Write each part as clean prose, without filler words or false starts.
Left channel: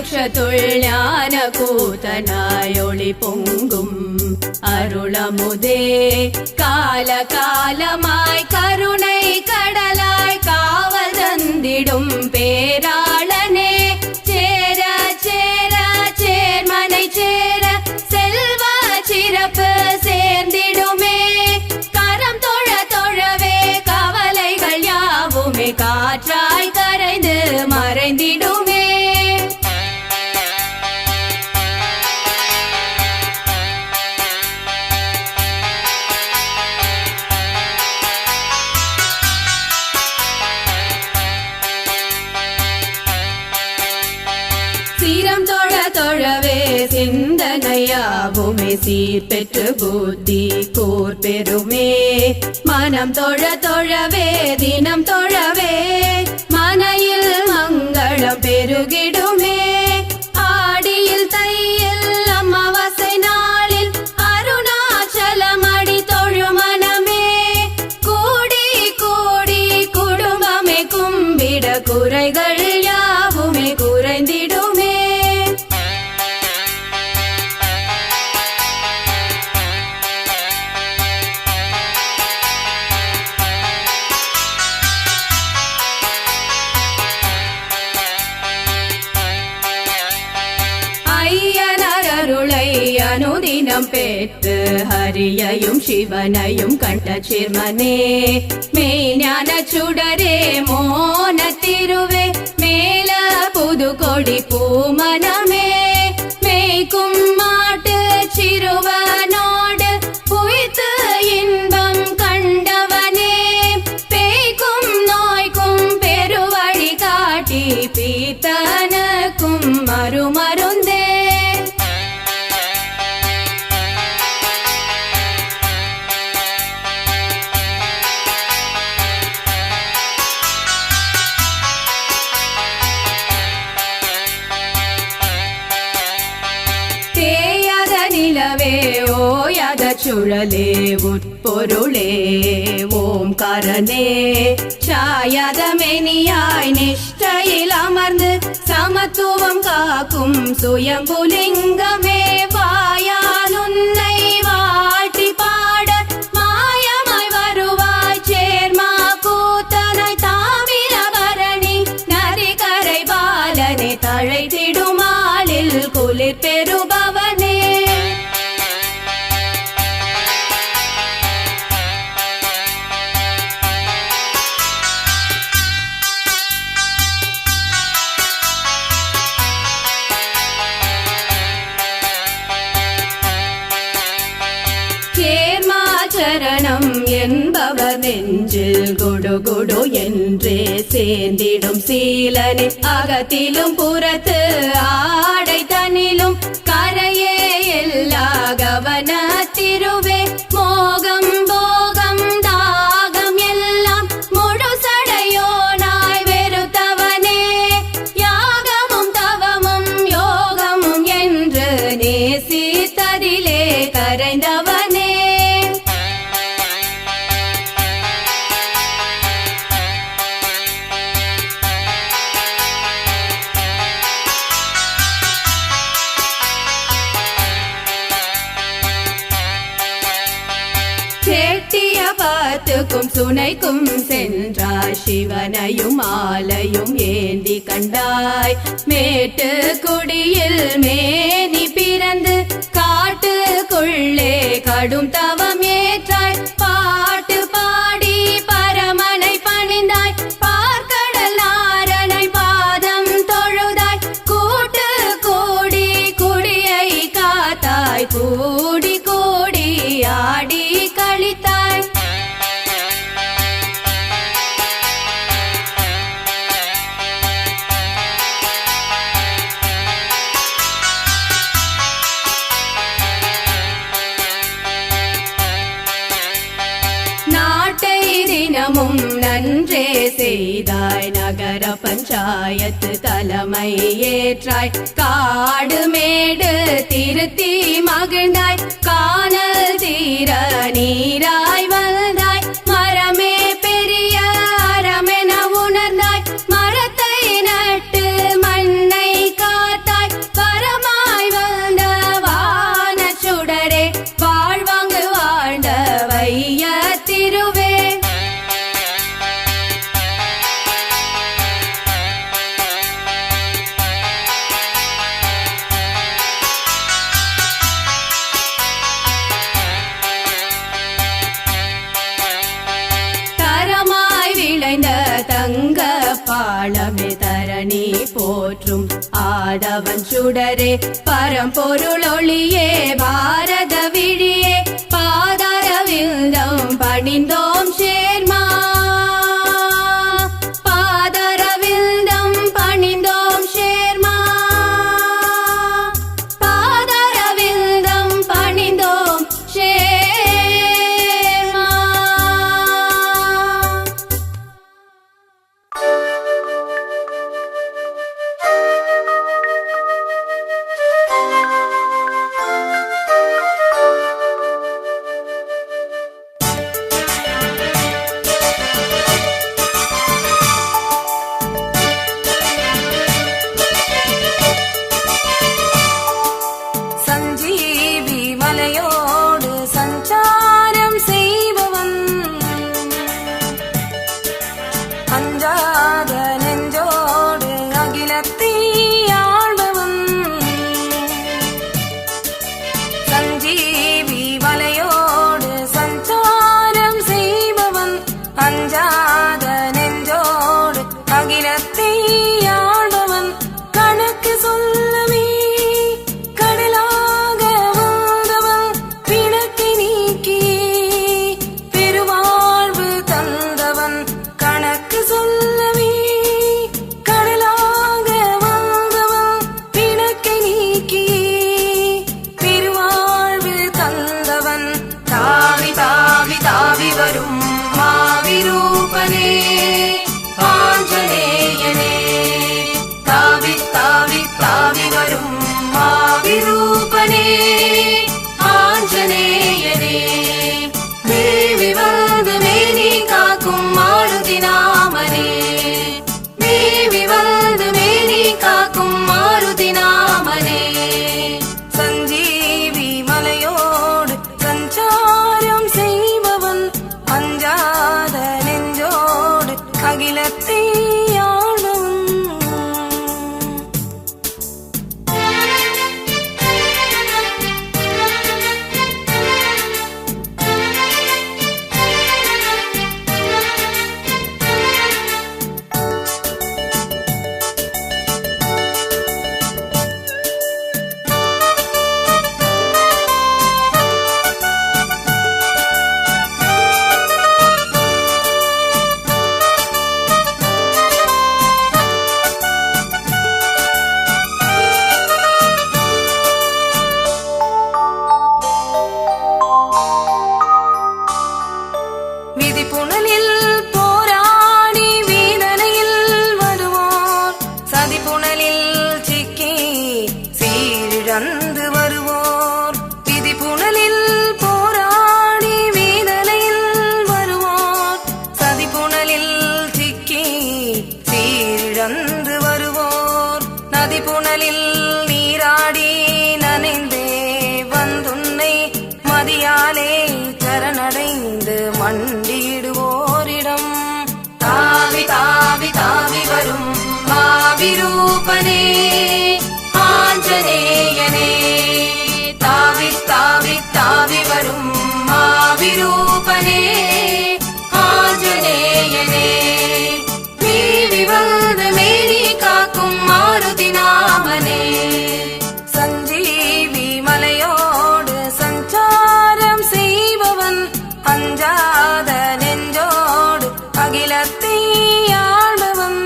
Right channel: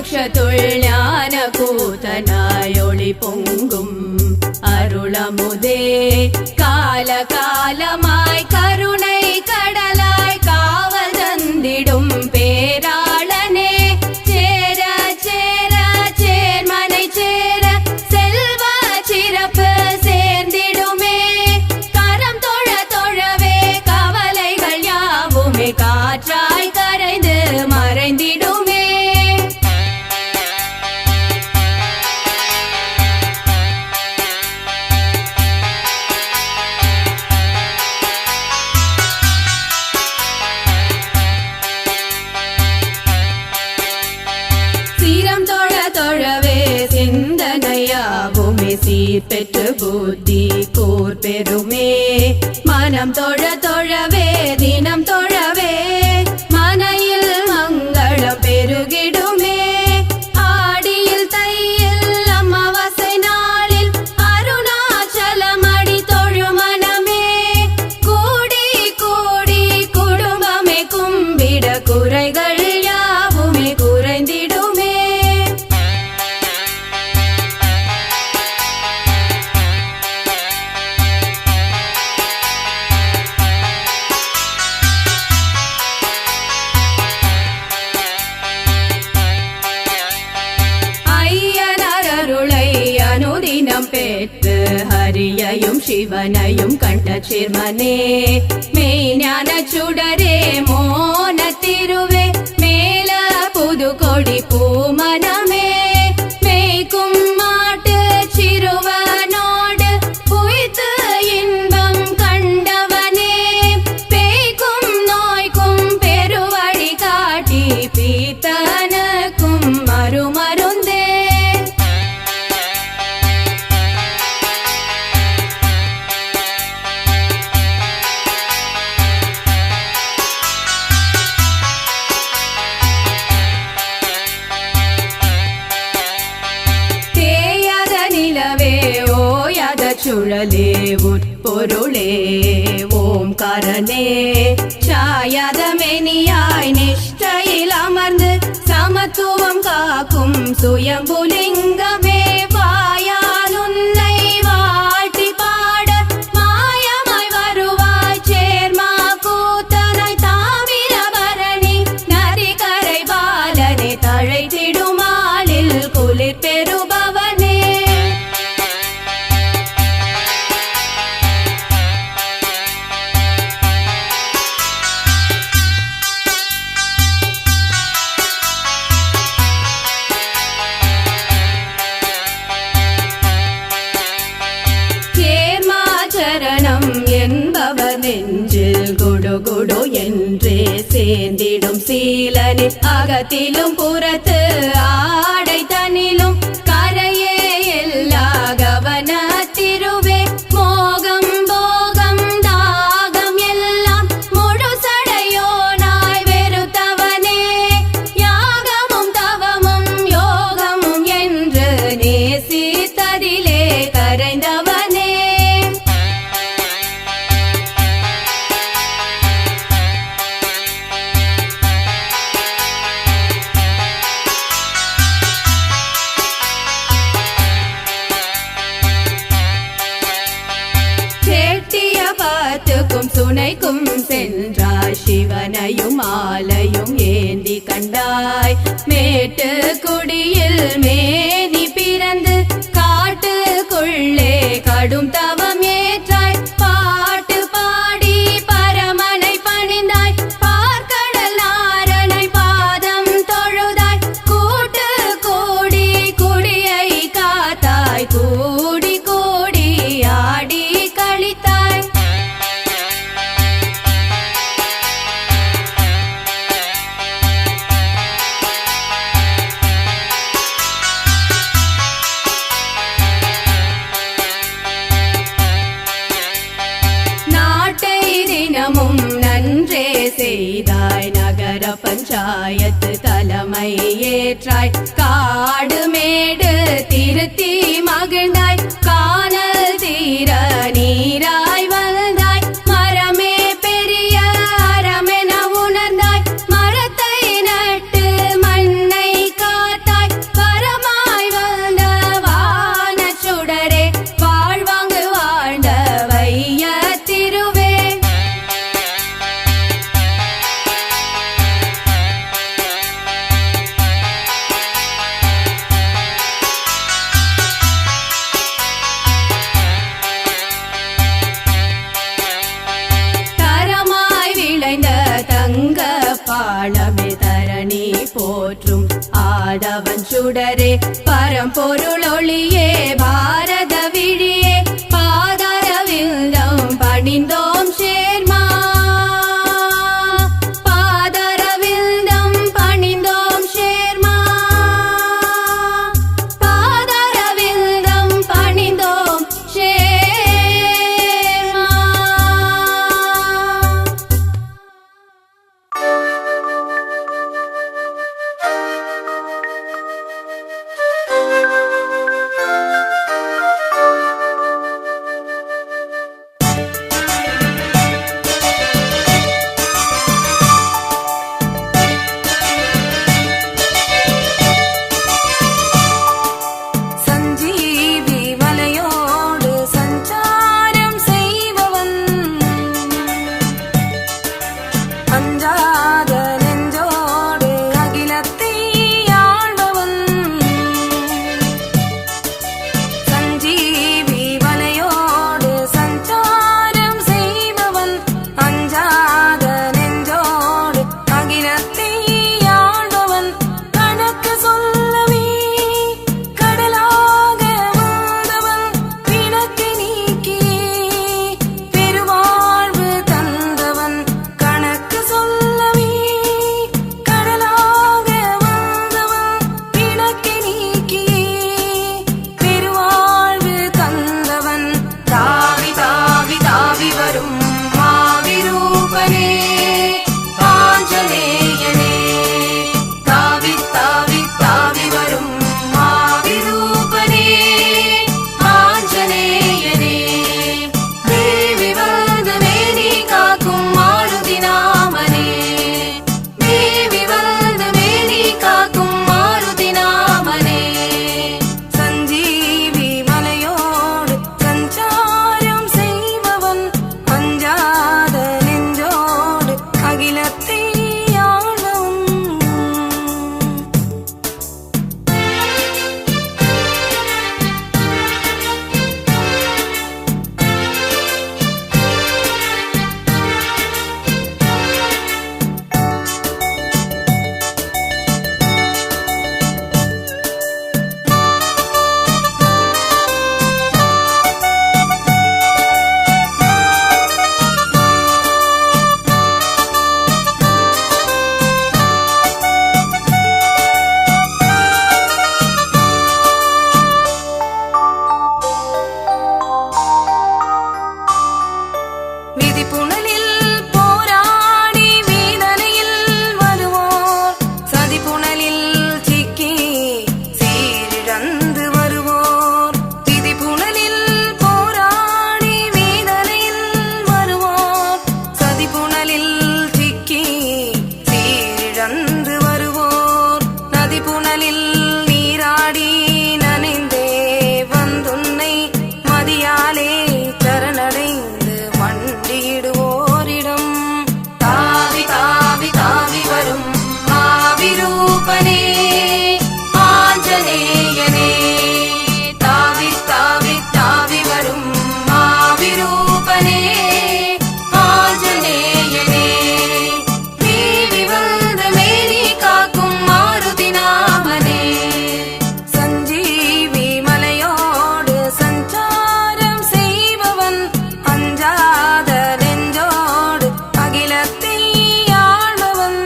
விருக்ஷத்துள் ஞான கூத்தனாயொளி பொங்கும் அருளமுதே கால காலமாய் கருணை கடலாய் காவல் தந்திடும் பேராளனே சேர சேர சேர்மனை சேர செல்வ சிறப்பு சேர்ந்திடுமே கரம் தொழ தொழவே கவலைகள் யாவுமே காற்றாய் கரைந்து மறைந்திடுமே சீரம் தொழ தொழவே சிந்தனையாவுமே சீர் பெற்று புத்தி கூர் பெருமே மனம் தொழ தொழவே தினம் தொழவே மனையில் மங்களம் பெருகிடுமே ஆடியில் தையில் அமாவாசை நாளில் அருணாச்சலம் அடி தொழு மனமே கூடி கூடி குடும்பமே கும்பிட குறைகள் யாவுமே குறைந்திடுமே ஐயனருளை அனுதினம் பெற்று ஹரியையும் சிவனையும் கண்ட சிர்மனே மெய்ஞான சுடரே மோன திருவே மேல புது கொடி பூமனமே மேய்க்கும் மாட்டு சிறுவனோடு புய்த்து இன்பம் கண்டவனே பேய்க்கும் நோய்க்கும் பெருவழி காட்டி பீத்தனுக்கும் மறுமருந்தே தேயாத நிலவே ஓயாத சுழலே உட்பொருளே ஓம்காரனே சாயாத மெனியாய் நிஷ்டையில் அமர்ந்து சமத்துவம் காக்கும் சுயம்புலிங்கமே வாயால் உன்னை வாழ்த்தி பாட மாயமாய் வருவாய் சேர்மா கூத்தனாய் தாமிரபரணி நதிகரை பாலனை தழைத்திடுமாளில் குளிர் பெறுபவனே சேர்மாச்சரணம் என்பவர் நெஞ்சில் குடு குடு என்றே சேர்ந்திடும் சீலனே அகத்திலும் புறத்து ஆடை தனிலும் கரையே எல்லா கவன திருவே மோகம் போகம் தாகம் எல்லாம் முழு சடையோனாய் வெறுத்தவனே யாகமும் தவமும் யோகமும் என்று நேசித்ததிலே கரைந்தவனே செட்டிய பாத்துக்கும் சுனைக்கும் சென்றாய் சிவனையும் மாலையும் ஏந்தி கண்டாய் மேட்டு குடியில் மேனி பிறந்து காட்டுக்குள்ளே கடும் தவம் ஏற்றாய் பாட்டு பாடி பரமனை பணிந்தாய் பார்க்கடல் நாரணை பாதம் தொழுதாய் கூட்டு கூடி குடியை காத்தாய் கூடி கூடி ஆடி கழித்தாய் நாட்டை தினமும் நன்றே செய்தாய் நகர பஞ்சாயத்து தலைமை ஏற்றாய் காடு மேடு திருத்தி மகிழ்ந்தாய் காணல் தீர நீராய் வந்தாய் மரமே பெரிய அறமென உணர்ந்தாய் மரத்தை நட்டு மண்ணை காத்தாய் பாளமே தரணி போற்றும் ஆதவன் சுடரே பரம்பொருளொளியே பாரத விழியே பாதரவிந்தம் பணிந்தோம் சேர்மா பாதரவிந்தம் பணிந்தோம் சேர்மா பாதரவிந்தம் பணிந்தோம் சேர்மா. சஞ்சீவி மலையோடு சஞ்சாரம் செய்பவன் அஞ்சாத நெஞ்சோடு அகிலத்தை ஆள்பவன் சஞ்சீவி மலையோடு சஞ்சாரம் செய்பவன் அஞ்சாத நெஞ்சோடு அகிலத்தை ஆள்பவன் கணக்கு சொல்லவே கடலாக வந்தவன் பிணக்கை நீக்கியே பெருவாழ்வு தந்தவன் கணக்கு சொல்லவே கடலாக வந்தவன் பிணக்கை நீக்கியே பெருவாழ்வு தந்தவன் தாவி தாவி தாவி வரும் மாவிரூபனே ஆஞ்சநேயனே தாவி தாவி தாவி வரும் மாவிரூபனே ஆஞ்சநேயனே தேவி வந்து மேனி காக்கும் மாருதி நாமனே தேவி வந்து மேனி காக்கும் மாருதி நாமனே சஞ்சீவி மலையோடு சஞ்சாரம் செய்பவன் அஞ்சாத நெஞ்சோடு அகிலத்தை ஆள்பவன் விதிப்புணலில் போராடி வேதனையில் வருவோர் சதிப்புணலில் சிக்கி சீரிழந்து வருவோர் விதிப்புணலில் போராடி வேதனையில் வருவோர் சதிப்புணலில் சிக்கி சீரிழந்து வருவோர் நதிப்புணலில் நீராடி நனைந்தே வந்துன்னை மதியாலே சரணடைந்து மண்டியிடுவோரிடம் தாவி தாவி தாவி வரும் மாவிரூபனே ஆஞ்சநேயனே தாவி தாவி தாவி வரும் மாவிரூபனே ஆஞ்சநேயனே தேவி வந்து மேனி காக்கும் மாருதி நாமனே சஞ்சீவி மலையோடு சஞ்சாரம் செய்பவன் அஞ்சாத நெஞ்சோடு அகிலத்தை ஆள்பவன்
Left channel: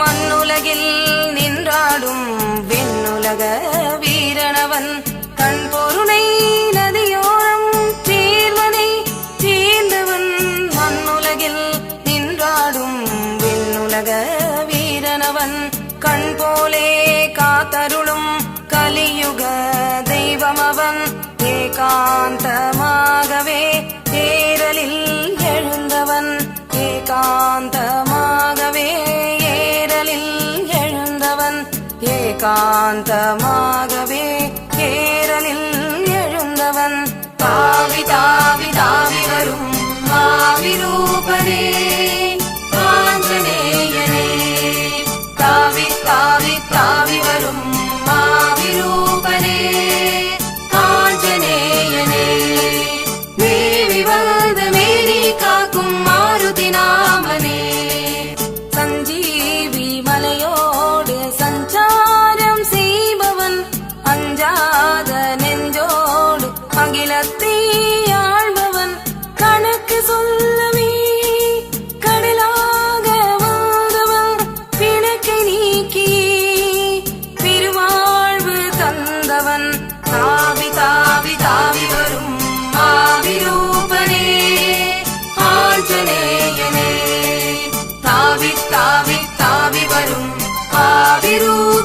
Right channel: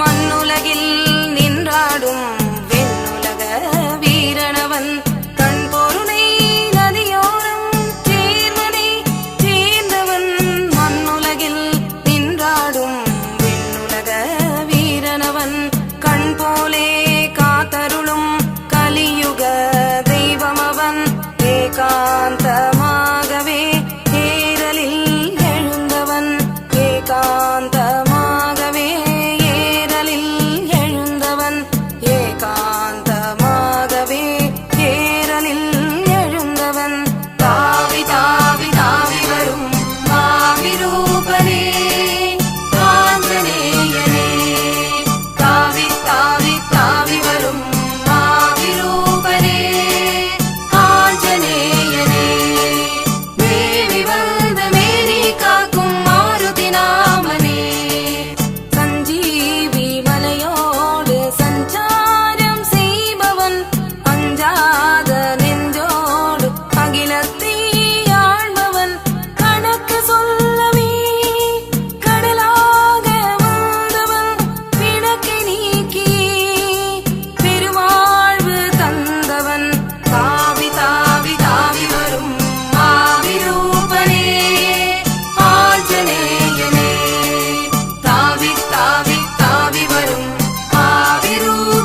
மண்ணுலகில் நின்றாடும் வெண்ணுலக வீரனவன் கண் பொருணை நதியோரம் சேர்வனை சேர்ந்தவன் மண்ணுலகில் நின்றாடும் வெண்ணுலக வெண்ணுலக வீரனவன் கண் போலே காத்தருளும் கலியுக தெய்வமவன் ஏகாந்தமாகவே ஏரலில் எழுந்தவன் ஏகாந்தமாகவே ஏரலில் எழுந்தவன் ஏகாந்தமாகவே ஏரலில் எழுந்தவன் தாவி தாவி தாவி வரும் மாவிரூபனே ஆஞ்சநேயனே தாவி தாவி தாவி வரும் மாவிரூபனே ஆஞ்சநேயனே தேவி வந்து மேரி காக்கும் மாருதி நாமனே சஞ்சீவி மலையோடு சஞ்சாரம் செய்பவன் அஞ்சாத நெஞ்சோடு அகிலத்தை ஆள்பவன் கணக்கு சொல்லவே கடலாக வந்தவன் பிணக்கை நீக்கியே பெருவாழ்வு தந்தவன் தாவி தாவி தாவி வரும் மாவிரூபனே ஆஞ்சநேயனே தாவி தாவி தாவி வரும் மாவிரூபனே